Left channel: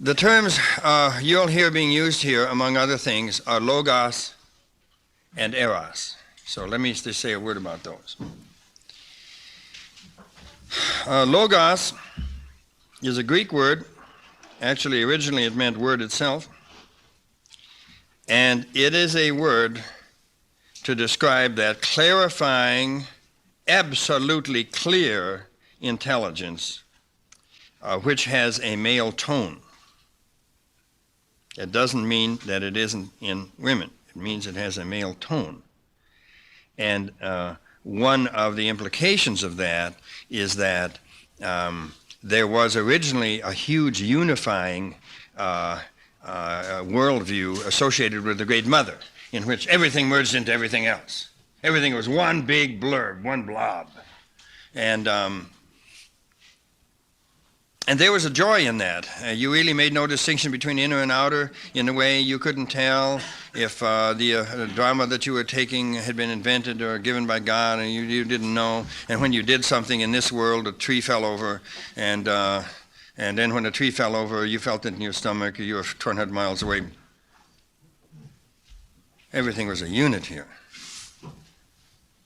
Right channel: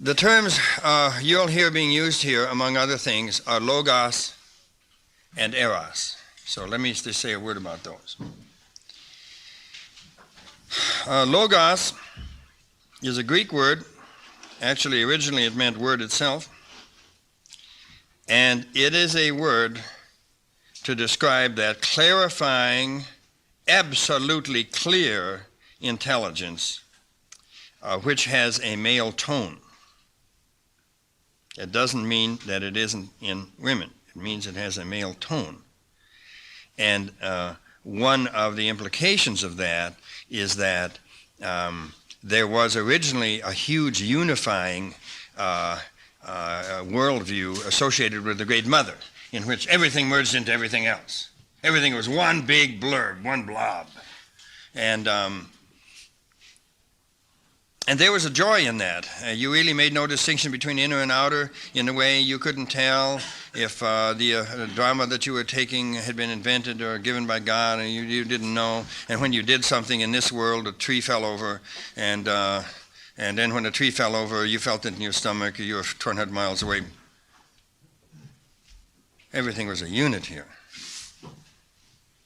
The terms you'll hear being used here, among other things, are Logos and Eros. So let me just say a word about those. Logos is a Greek word. Actually, originally it meant word itself. And it is a word to describe that clarifying, absolutely clear intelligence which has a male tone. It doesn't mean that it isn't in women. It means it has a male tone. And one of the implications of that is that there was originally a huge unifying worldview associated with the Great Mother, in which everything merged into everything else. Everything was one big blurb, one blob. And there was a joy in that. You really made no distinction between inner and outer. In a way, you couldn't tell if the drama that you were taking had been invented or given by God, and you didn't know. And when you did something in this world, a tree fell over, and then when a tree fell over, you felt it in your stomach, you were 200 miles away. Everything was a unit here.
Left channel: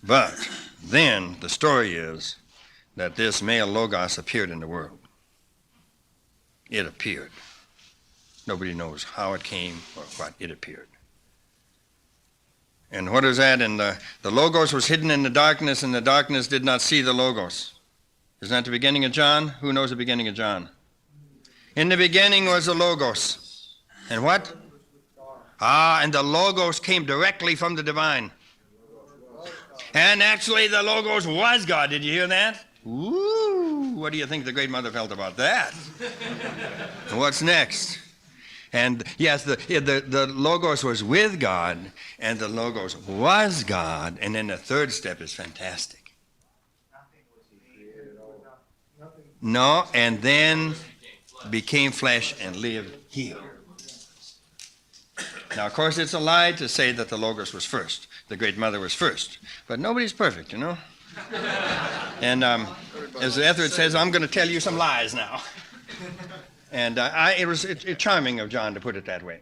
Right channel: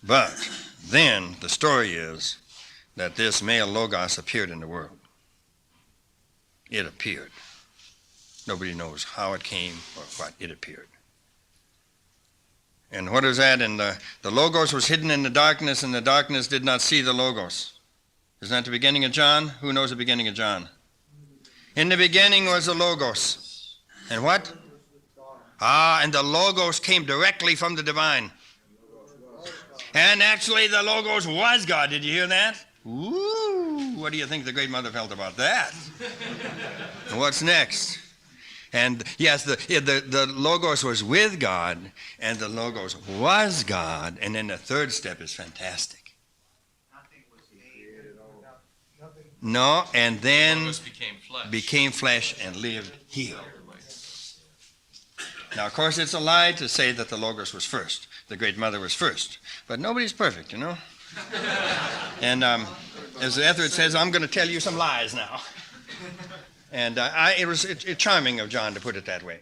But then the story is that this male Logos appeared in the world. It appeared. Nobody knows how it came or what. It appeared. And what is that? And the Logos was hidden in the darkness, and the darkness did not see the Logos. Isn't that the beginning of John? Who knows the beginning of John? In the beginning was the Logos. And what? And the Logos came directly from the divine. And actually the Logos was God. Did you hear that? Ooh, what do you think the Great Mother felt about that? What's next? And yes, the Logos was with God, and the Logos was God, and then the third step is fantastic. No, and then became flesh and lived here. Now, of course, it's a lie to say that the Logos was first. The Great Mother was first. But nobody's perfect, you know? And as Etheridge says, I'm going to tell you some lies now. And it's charming of John to put it that way.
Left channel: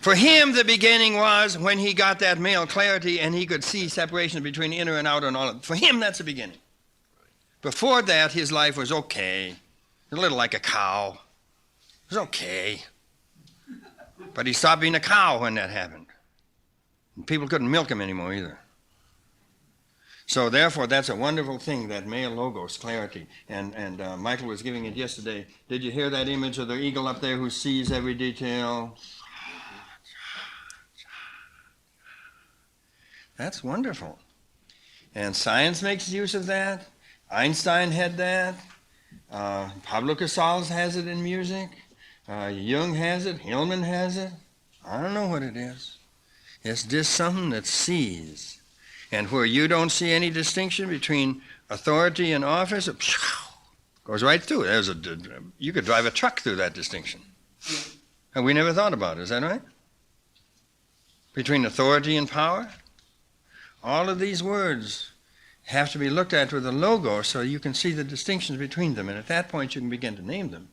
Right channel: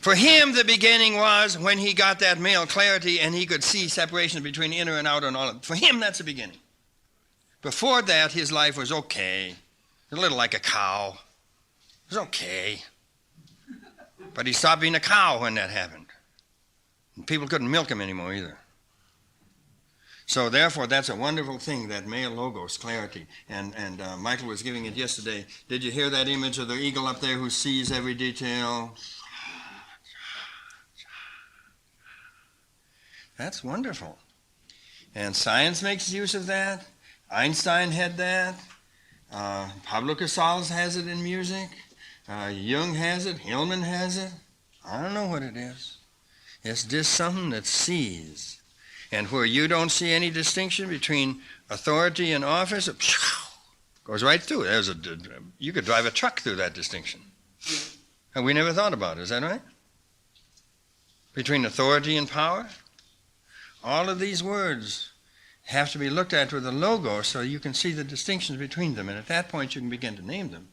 For him, the beginning was when he got that male clarity and he could see separation between inner and outer and all of it. For him, that's the beginning. Before that, his life was okay. A little like a cow. It was okay. But he stopped being a cow when that happened. And people couldn't milk him anymore either. So therefore, that's a wonderful thing, that male Logos, clarity. And Michael was giving it yesterday. Did you hear that image of the eagle up there who sees every detail? That's wonderful. And science makes use of that. Einstein had that. Pablo Casals has it in music. Jung has it. Hillman has it. I don't know what it is. It's just something that sees. And where you don't see any distinction between authority and office, it goes right through. You could drive a truck through that distinction. And we never thought about it. Is that right? Between authority and power? All of these words have to be looked at with a Logos so you can see the distinctions between them. And at that point, you can begin to name them.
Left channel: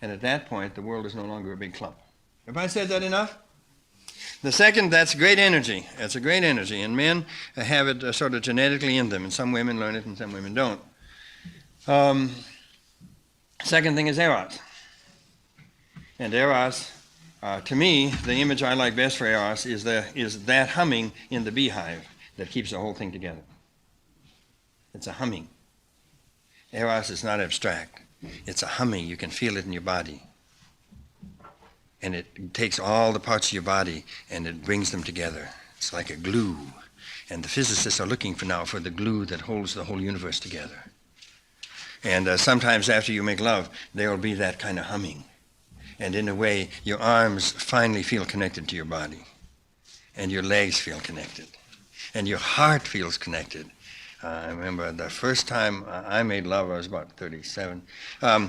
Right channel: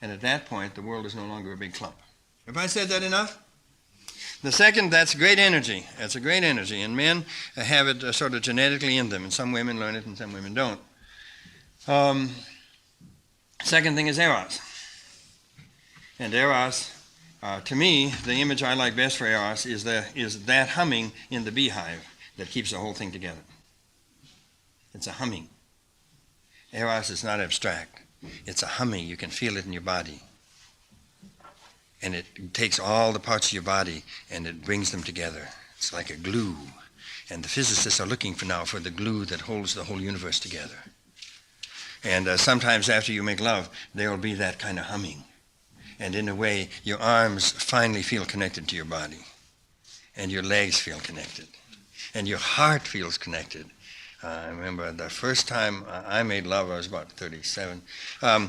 And at that point, the world is no longer a big clump. Have I said that enough? The second, that's great energy. That's a great energy. And men have it sort of genetically in them. And some women learn it and some women don't. Second thing is Eros. And Eros, to me, the image I like best for Eros is that humming in the beehive that keeps the whole thing together. It's a humming. Eros is not abstract. It's a humming. You can feel it in your body. And it takes all the parts of your body and it brings them together. It's like a glue. And the physicists are looking for the glue that holds the whole universe together. And sometimes after you make love, there will be that kind of humming. And in a way, your arms finally feel connected to your body. And your legs feel connected. And your heart feels connected. I remember the first time I made love, I was about 37. Well,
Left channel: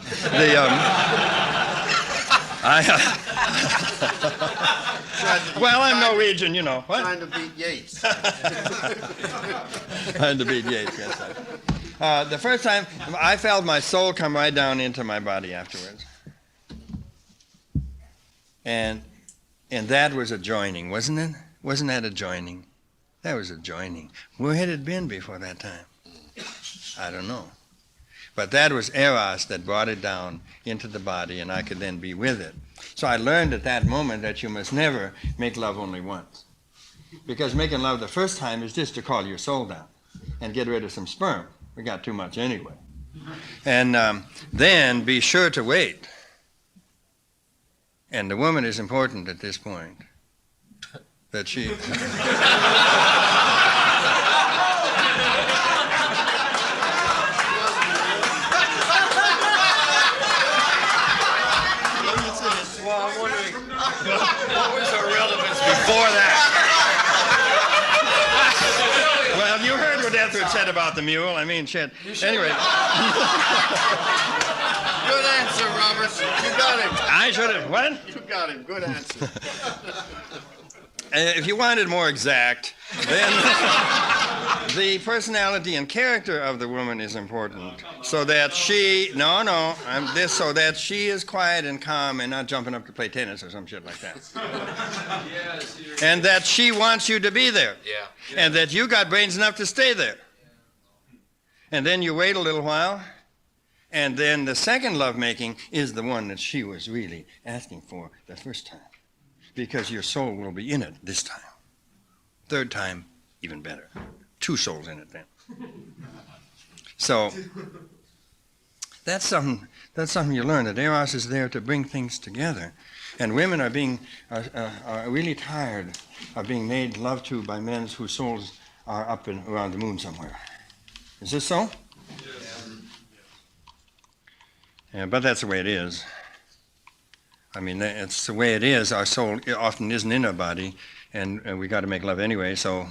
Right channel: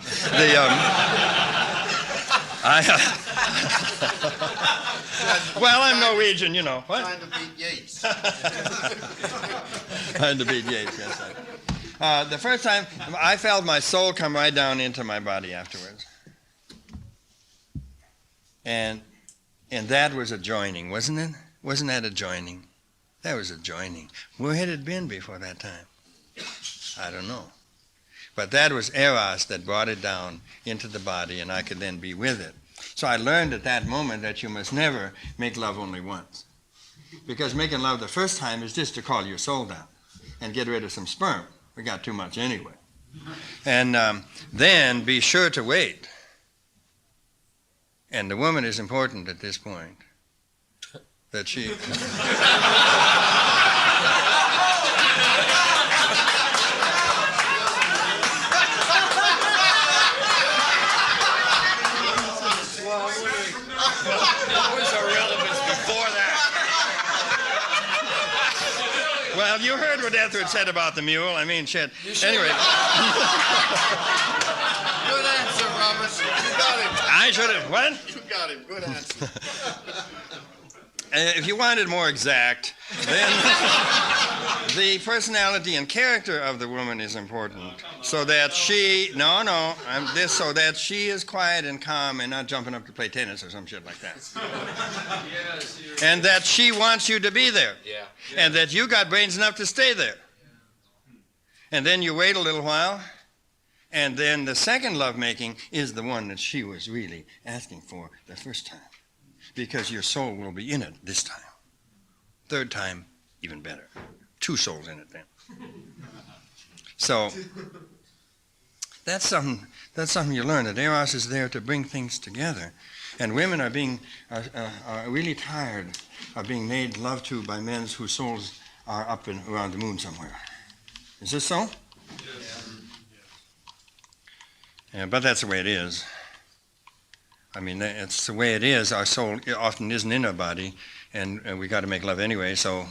I'm Norwegian, you know. What? Trying to beat Yates. Trying to beat Yates, yes. The first time, I felt my soul come right down into my body afterwards. And that was a joining, wasn't it? Wasn't that a joining? That was a joining. Where had it been before that time? I don't know. But that was Eros that brought it down into the body, and I could then be with it. So I learned at that moment that you must never make love only once. Because making love the first time is just to call your soul down and get rid of some sperm. We got too much anyway. And then be sure to wait. And the woman is important at this point. That she... What was the relevance before that? Well, you heard what Etheridge said about the mule. I mean, shit. Anyway. Good answer, Robert. You got him. I should have. What? You got him. Good answer. If you wanted more exact, then the personality and character of the woman is important, so that she so that she is quiet and calm and not jumping up to play tennis or some shit like that. And that she wants you to be there. Yeah. And that you got brains enough to stay there. And then you wait a little while, and then the second lovemaking is the one that she was really asking for the first time. Because your soul will be in it this time. Third time, even better. 2 souls in it then. So that's something you learn, that Eros is there to bring things together. And women are really tired of being made love to by men whose souls are up and around the moon somewhere. Is this so? Yes. Yeah, but that's the way it is. I mean, it's the way it is. Our soul often isn't in our body, and we got to make love anyway, so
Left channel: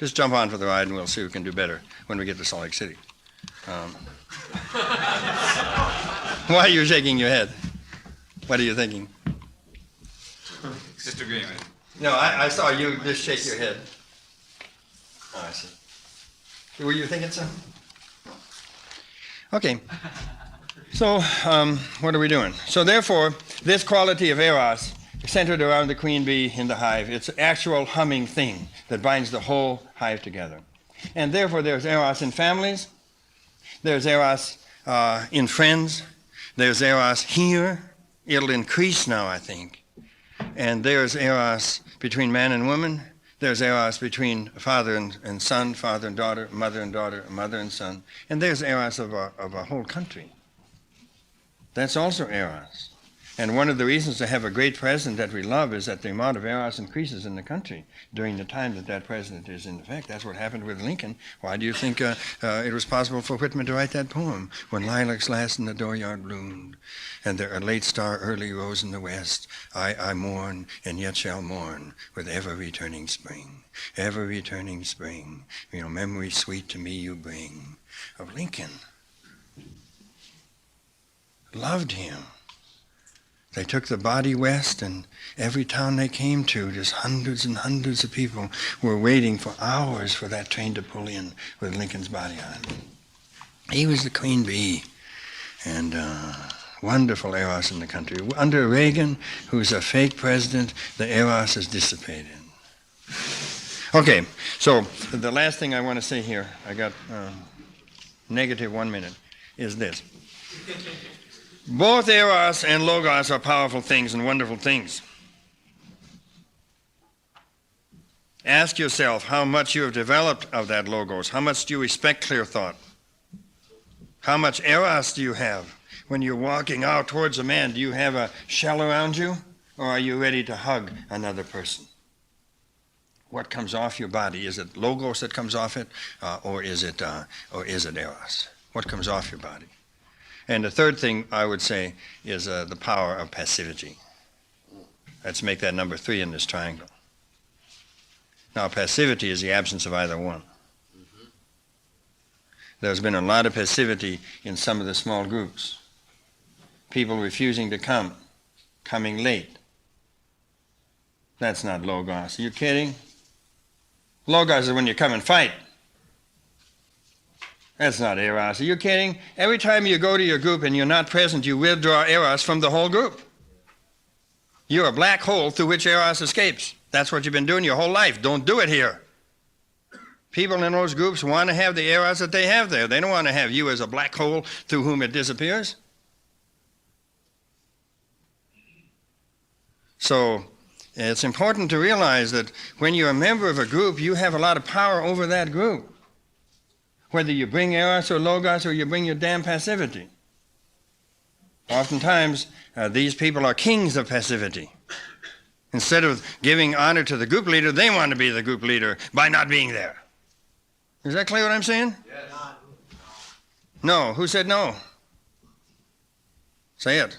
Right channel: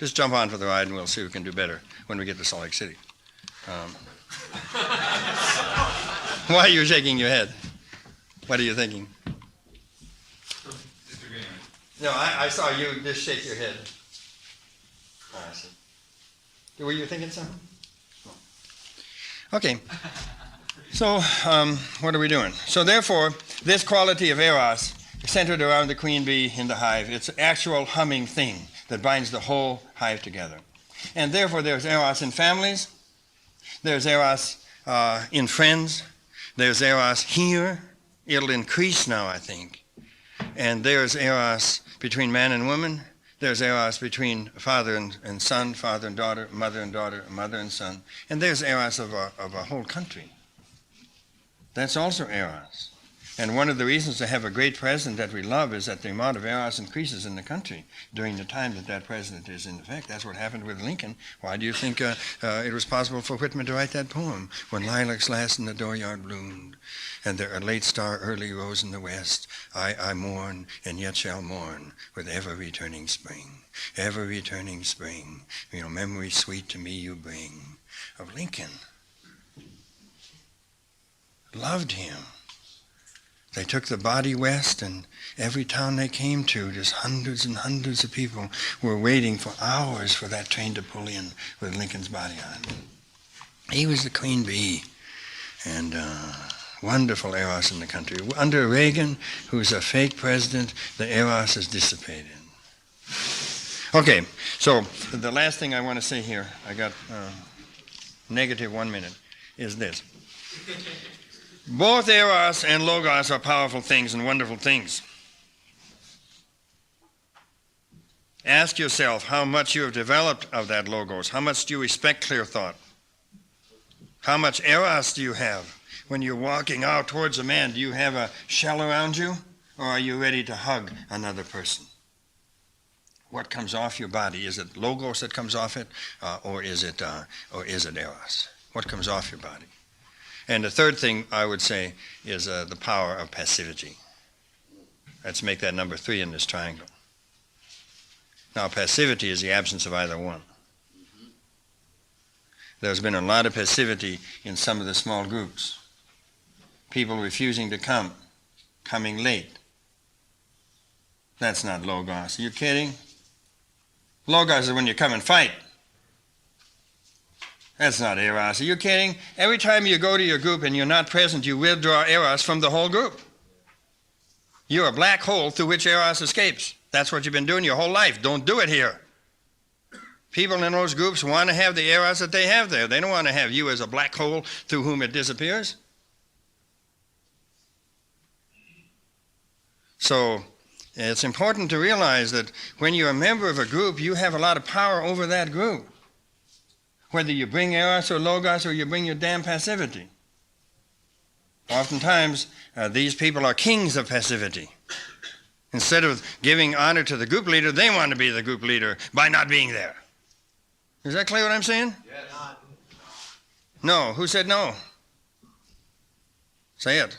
just jump on for the ride and we'll see who can do better when we get to Salt Lake City. Why are you shaking your head? What are you thinking? Disagreement. No, I saw you just shake your head. Oh, I see. Were you thinking so? No. Okay. So, what are we doing? So therefore, this quality of Eros, centered around the queen bee in the hive, it's an actual humming thing that binds the whole hive together. And therefore, there's Eros in families, there's Eros in friends, there's Eros here. It'll increase now, I think. And there's Eros between man and woman. There's Eros between father and son, father and daughter, mother and daughter, mother and son. And there's Eros of a whole country. That's also Eros. And one of the reasons to have a great president that we love is that the amount of Eros increases in the country during the time that president is in effect. That's what happened with Lincoln. Why do you think it was possible for Whitman to write that poem? When lilacs last in the dooryard bloomed, and a late star early rose in the west, I mourn and yet shall mourn with ever returning spring. Ever returning spring, memories sweet to me you bring. Of Lincoln. Loved him. They took the body west, and every town they came to, just hundreds and hundreds of people were waiting for hours for that train to pull in with Lincoln's body on it. He was the queen bee, and wonderful Eros in the country. Under Reagan, who's a fake president, the Eros is dissipated. Okay, so the last thing I want to say here, I got negative 1 minute, is this. Both Eros and Logos are powerful things and wonderful things. Ask yourself how much you have developed of that Logos. How much do you respect clear thought? How much Eros do you have? When you're walking out towards a man, do you have a shell around you? Or are you ready to hug another person? What comes off your body? Is it Logos that comes off it? Or is it Eros? What comes off your body? And the third thing I would say is the power of passivity. Let's make that number 3 in this triangle. Now, passivity is the absence of either one. There's been a lot of passivity in some of the small groups. People refusing to come, coming late. That's not Logos. Are you kidding? Logos is when you come and fight. That's not Eros. Are you kidding? Every time you go to your group and you're not present, you withdraw Eros from the whole group. You're a black hole through which Eros escapes. That's what you've been doing your whole life. Don't do it here. People in those groups want to have the Eros that they have there. They don't want to have you as a black hole through whom it disappears. So it's important to realize that when you're a member of a group, you have a lot of power over that group. Whether you bring Eros or Logos or you bring your damn passivity. Oftentimes, these people are kings of passivity. Instead of giving honor to the group leader, they want to be the group leader by not being there. Is that clear what I'm saying? Yes. No. Who said no? Say it.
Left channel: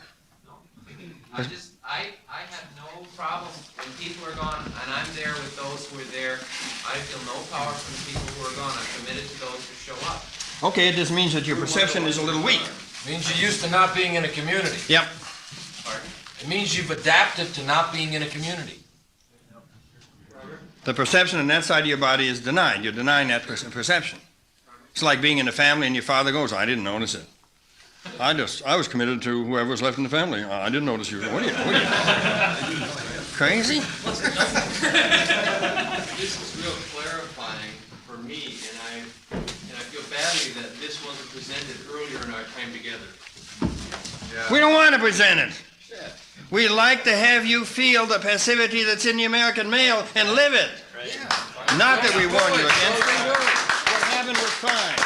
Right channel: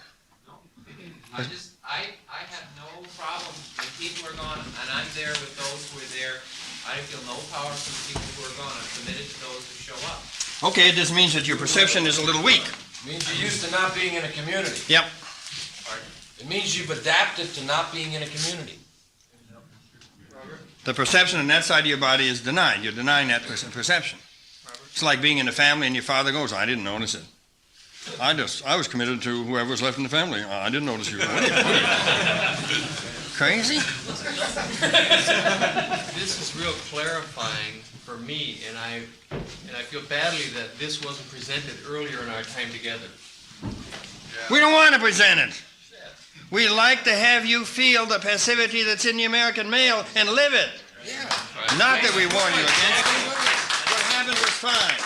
I have no problem when people are gone, and I'm there with those who are there. I feel no power from the people who are gone. I'm committed to those who show up. Okay, it just means that your perception is a little weak. It means you're used to not being in a community. Yep. It means you've adapted to not being in a community. The perception on that side of your body is denied. You're denying that perception. It's like being in a family and your father goes, I didn't notice it. I was committed to whoever was left in the family. I didn't notice you. What are you? Crazy? This is real clarifying for me, and I feel badly that this wasn't presented earlier in our time together. We don't want to present it. We like to have you feel the passivity that's in the American male and live it. Not that we warn you against it. What happened was fine.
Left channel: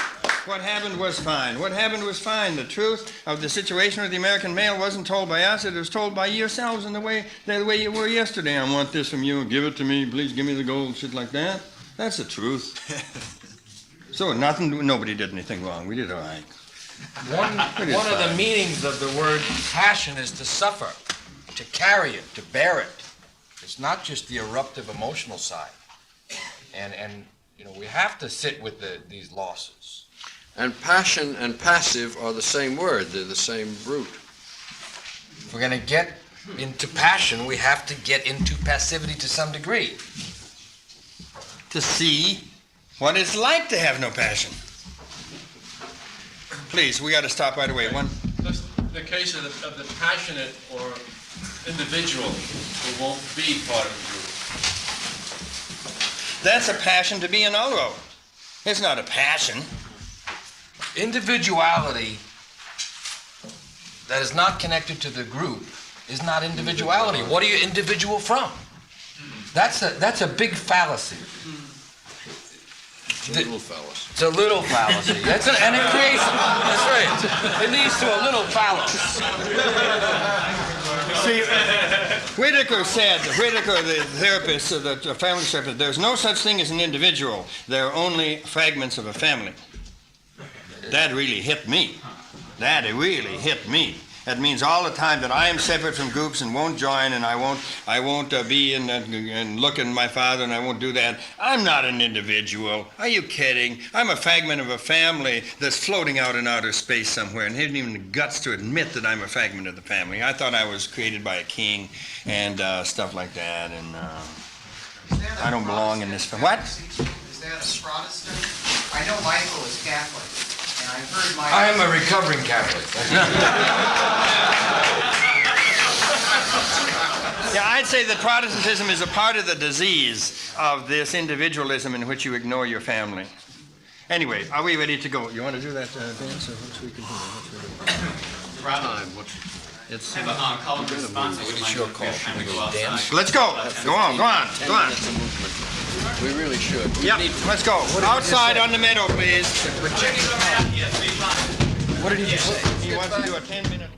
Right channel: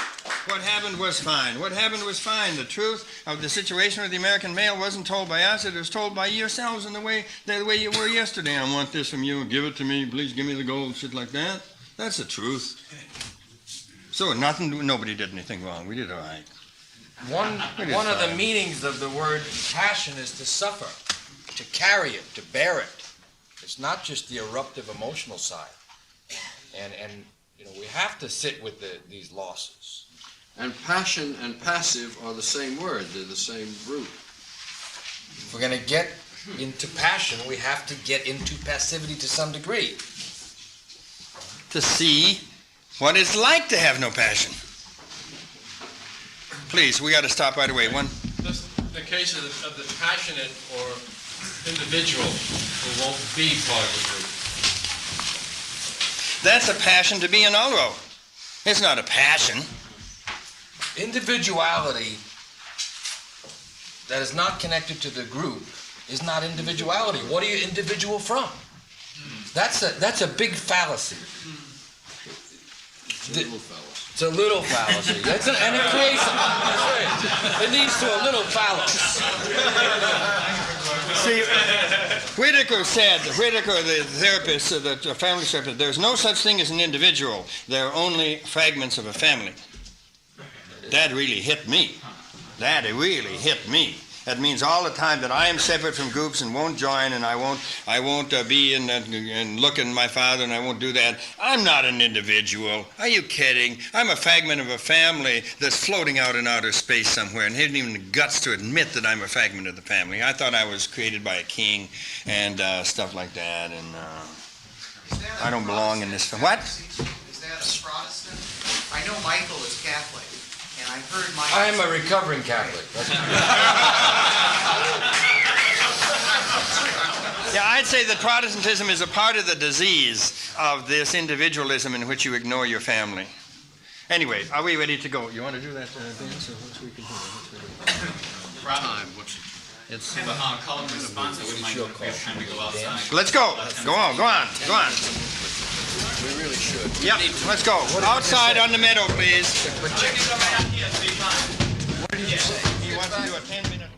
What happened was fine. What happened was fine. The truth of the situation with the American male wasn't told by us. It was told by yourselves in the way you were yesterday. I want this from you. Give it to me. Please give me the gold. Shit like that. That's the truth. So nobody did anything wrong. We did all right. One of the meanings of the word passion is to suffer, to carry it, to bear it. It's not just the eruptive emotional side. And you know, we have to sit with these losses. And passion and passive are the same word. They're the same root. If we're going to get into passion, we have to get into passivity to some degree. To see what it's like to have no passion. Please, we got to stop right away. That's the case of the passionate or individual who won't be part of the group. That's a passion to be an Oro. It's not a passion. Individuality that is not connected to the group is not individuality. What are you individual from? That's a big fallacy. It's a little fallacy. It's a little fallacy. And it creates, that's right, it leads to a little fallacy. See, Whitaker, the therapist, the family therapist, there's no such thing as an individual. There are only fragments of a family. That really hit me. That really hit me. That means all the time that I am separate from groups and won't join, and I won't be in and look at my father, and I won't do that. I'm not an individual. Are you kidding? I'm a fragment of a family that's floating out in outer space somewhere, and hasn't even the guts to admit that I'm a fragment of the family. I thought I was created by a king and stuff like that, and I don't belong in this family. What? Is that a Protestant? I know Michael is Catholic, and I've heard Michael... I am a recovering Catholic. Yeah, I'd say that Protestantism is a part of the disease of this individualism in which you ignore your family. Anyway, are we ready to go? You want to do that dance? Or what's we can do? Time. It's Call and response. What is your call? We go outside. let's go. Go on. We really should. Yep, let's go. Outside on the meadow, please. What did he say? He wants to do a 10-minute.